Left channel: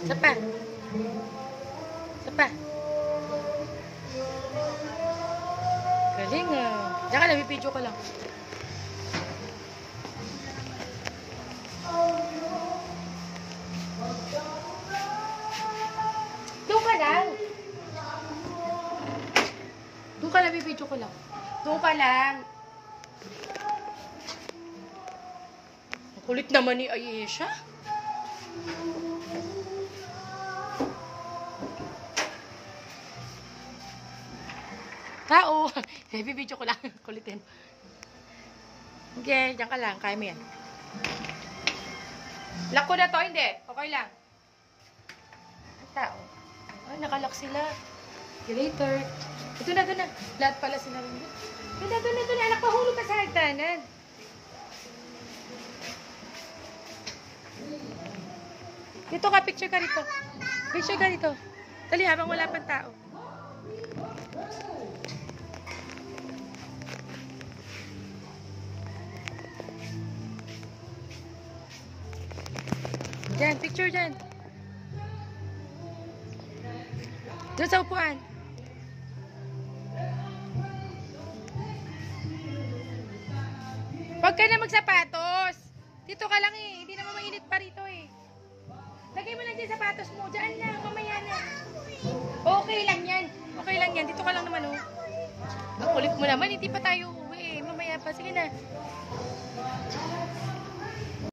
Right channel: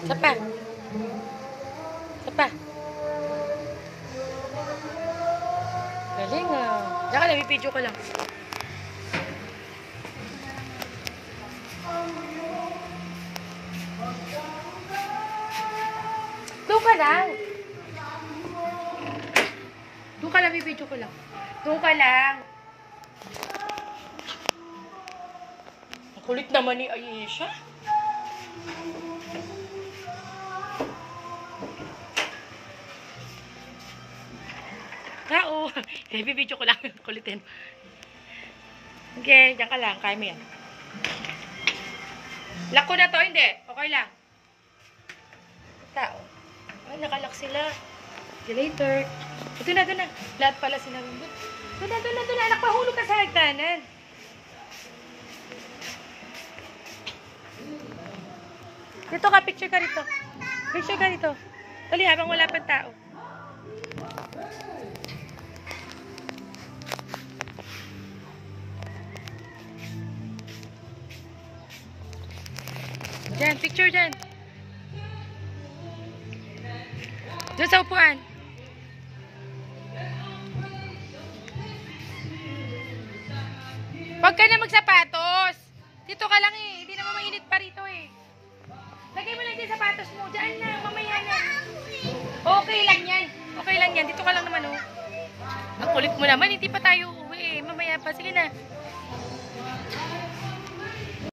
Isa pa. Isa pa. Galing ah. Diyan ka lang, video ka lang. Doon ka lang. Doon ka lang, video ko lang. Doon ka lang. Ang kulit naman ni Aisha. Tao. Video ko lang. Kulitin. Okay, diyan ka lang. Kaya mo yan. Lock ko na to, hindi. Okay lang. Tao. Ay, nakalock sila. See you later. Ito na, ito na. Lahat pala sinabi mo. Ito na, ito na, ito na. Anak, mahulog ka sa hagdanan. Dito ka, picture ka rito. Picture ka rito. Dali, habang wala pang tao. Diyan, picture dyan. Doon sa upuan. Huwag ka na magsapatos. Dito ka lang eh. Hindi naman mainit pa rito eh. Lagay mo lang dyan sapatos mo. Diyan lang, mamaya na. Okay lang yan. Okay lang yan. Dito ka lang naman oh. Ang kulit mo naman. Hindi pa tayo uuwi eh. Mamaya pa. Sige na.